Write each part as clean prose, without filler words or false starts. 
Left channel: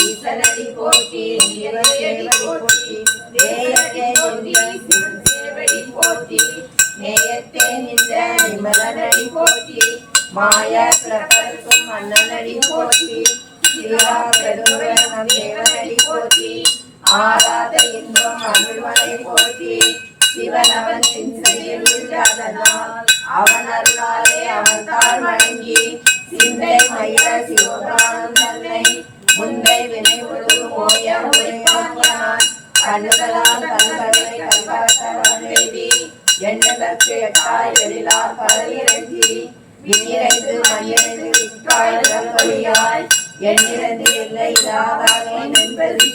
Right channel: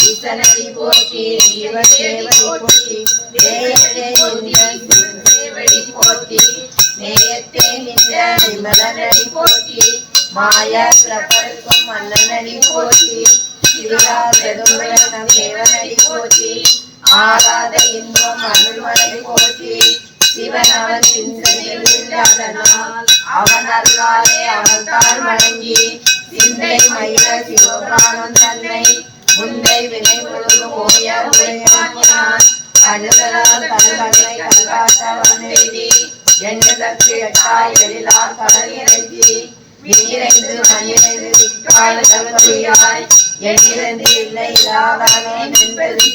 ஈசனடி போற்றி சேவடி போற்றி நேயத்தே நின்ற நிமலனடி போற்றி மாய பிரபல்கும் மன்னனடி போற்றி தேவனடி போற்றி ஆராத இன்பம் அருள்மலை போற்றி சிவனவன் இல்லாதனால் அவன் அருளாலே அவன் தாழ் வணங்கி சிந்தை மயில சிவபிராணன் தன்னை முந்தை வினை முழுதும் ஓய உரையான் கழுதலால் கண்களை கல்காத்தவன் வேதி எண்ணதற்கு எட்டாய் எழிலார் கடல் இறங்கி விண்ணிறைந்து மண்ணிறைந்து விக்காய் எண்ணிறந்து இல்லை இல்லாதவன் என்பது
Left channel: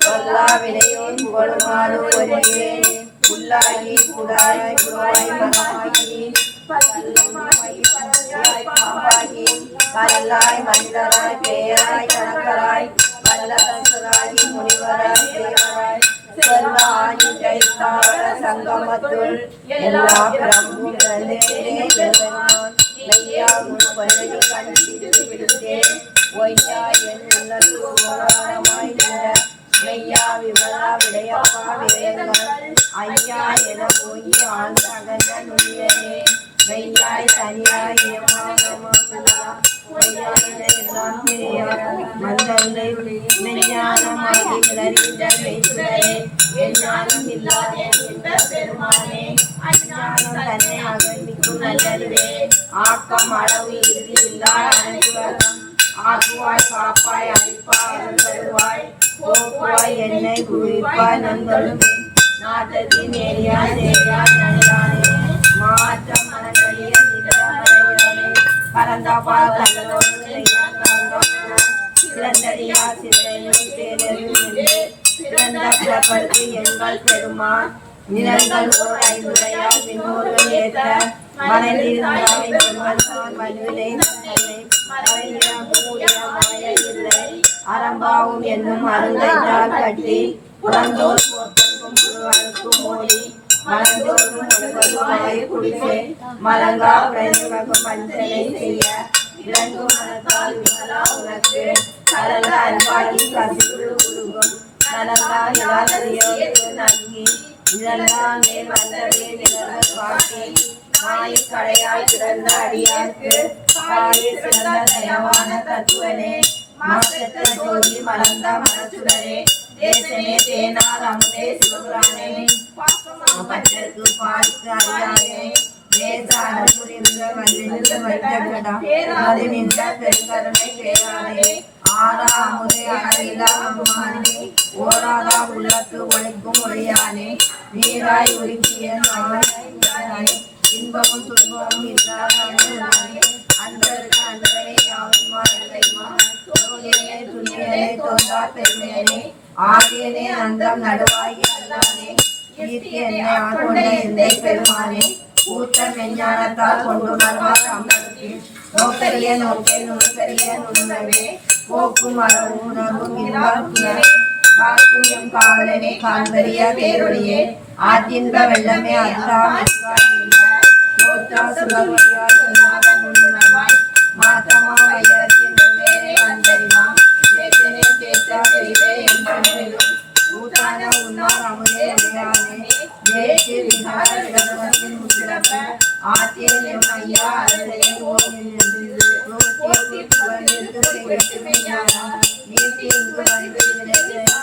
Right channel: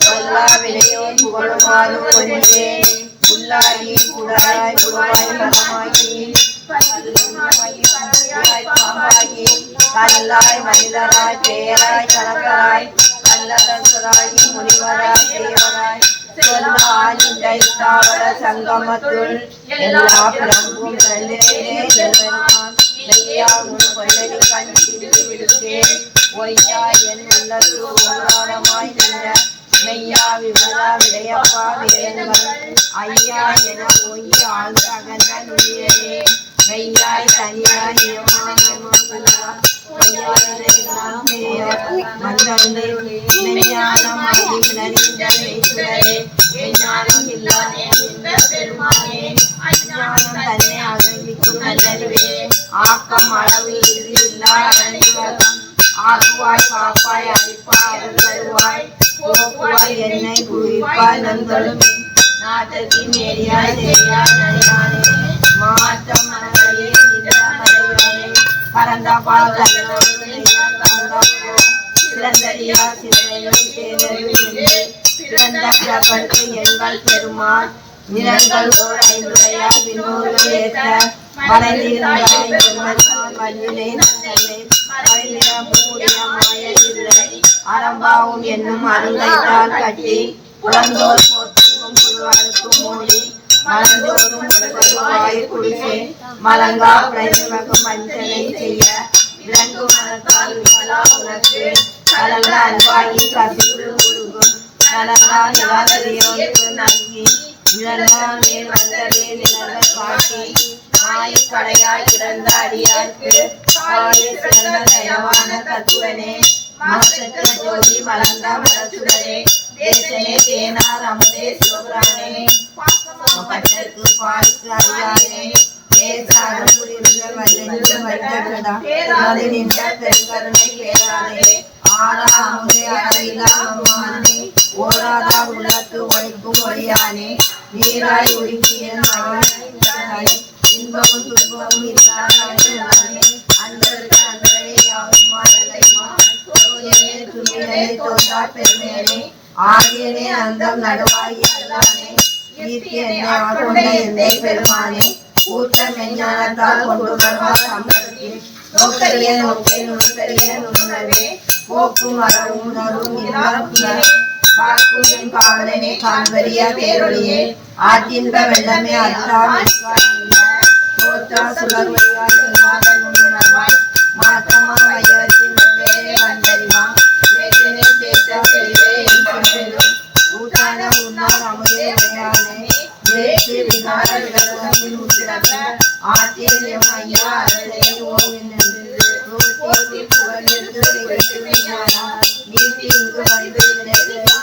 சொல்லா வினையோன் புகழுமாறு ஒன்றே புல்லாகி புடாய் புவாய் மனமாகி பாம்பாகி கல்லாய் மனிதராய் பேராய் கணக்கராய் கல்லதன்சராகி முனிவராய் தேவராய் செல்லாய் தாவர சங்கமத்துள் எல்லா பிரபுவும் ஒய்யா என் உள்ளது ஓராரமாய் நின்ற மெய்யா விமலா விடையப்பா வேதங்கள் ஐயா என போய் ஆழ்ந்த அகன்ற நுழையனே மெய்யாய் தனியாய் ஆக்கம் அளவு இல்லா ஆக்குவாய் காப்பாய் அழிப்பாய் அருள்வாய் போக்குவாய் என்னை குவிப்பாய் நந்தலும் நாட்டத்தி மேரியாய் தேயாய் நனியானே மாற்றம் மனங்களிலே நின்றானே பரந்த பால் சிறந்தடியா சிறையும் தேனரும் சிறந்த பிறப்பற்கு எங்கள் பெருமான் நிறங்கள் ஓர் ஐந்துடையார் விண்ணோர்கள் ஏற்ற மறைந்திருந்தாய் பெருமன் மண்ணினை நன்னை அரம்பாவும் என்னும் அருந்தைத்தால் கட்டி புறந்தோர் போற்றும் புழுவனுக்கும் மூடி மனந்தோறும் உலகருவாய் குடிசை மலங்கா பிரயோகம் மஞ்சளை செய்ய விலங்கு மனத்தால் விமலா உனக்கு கலந்த அன்பாகி கசிவுள் உருகும் நலங்கா நிலாதரையோடு நல்கி நிழலால் மேல் வந்ததே நிலவு காட்டி மாயக்கடையாய் கிடந்த அடியார்க்கு சிறந்த தயவான தத்துவனே மாசற்ற ஜோதி மலர்ந்த மனசுடனே தேசமே தேனார் அமுதே சிவபுராணே பட்டற்கு பாய்க்கு அறியானே தேச அருள்புரிகள் வல்லென்று வைத்தவிடா அது நின்ற பெருங்கருணை பேரானே ஆரா அமுதே அழகிலா அம்மானே ஓராதா உள்ளத்து ஒழிக்கும் ஒளியானே நீராய் உருக்கிய மகனாய் இன்பமும் துன்பமும் இல்லாதே அன்பருக்கு அன்பரே யாவுமா இல்லைமா துணியனே தோன்றார் பெருமையனே ஆதியனே அந்தம் நடுவாய் அல்லானே ஈர்த்தி என்னை ஆட்கொண்ட எந்தை பெருமானே கூட்ட மெஞ்ஞானத்தால் கொண்டுணர்வார் அம்பருக்கு நோக்கரிய நோக்கை நுண்கரிய நுண்ணுணர்வே போக்கும் வரவும் உணர்வும் இல்லாத பார்க்கும் என் காவலனே காண்பரிய பேரொழியே ஆற்றின்ப வெள்ளமே அல்லாஹ் சுலர்வழியாய் நுண்ணுணர்வாய் மாற்றமா வையத்தின் வேலை வந்தறிவா சேத்தனே சேத்த தெளிவே என்றும் ஊட்டான உன்னார் அமுதே உடையானே தேசி விகார விகசத்தின் உச்சிறப்ப ஆத்தியம் ஐயா அரசனை ஓவின் ரோட்டி புகழ்ந்து செய்கிறாரா நீட்டி இங்கு வந்து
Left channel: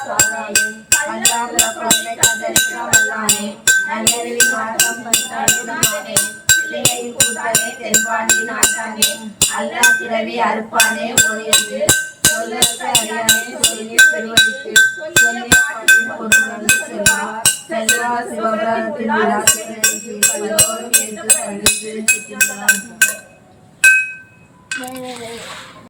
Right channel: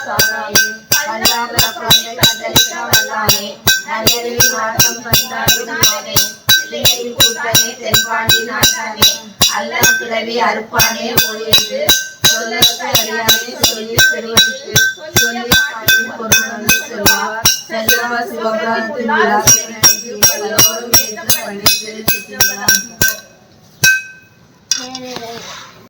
சாராமே அல்லாத பிரமை கதலிக்கா வல்லானே நன்னறிவி மாற்றம் பந்தாடுனானே பிள்ளையின் கூட்டனே தென்பாண்டி நாட்டானே அல்லா திரவி அறுப்பானே ஒழியது சொல்லற்கு அறியானே சொல்லி பெருவழிக்கு சொல்லி பாட்டின் பொருள் சொல்வார் செல்வா சிவபுராணத்தின் பல்லோரும் ஏற்று பணிந்து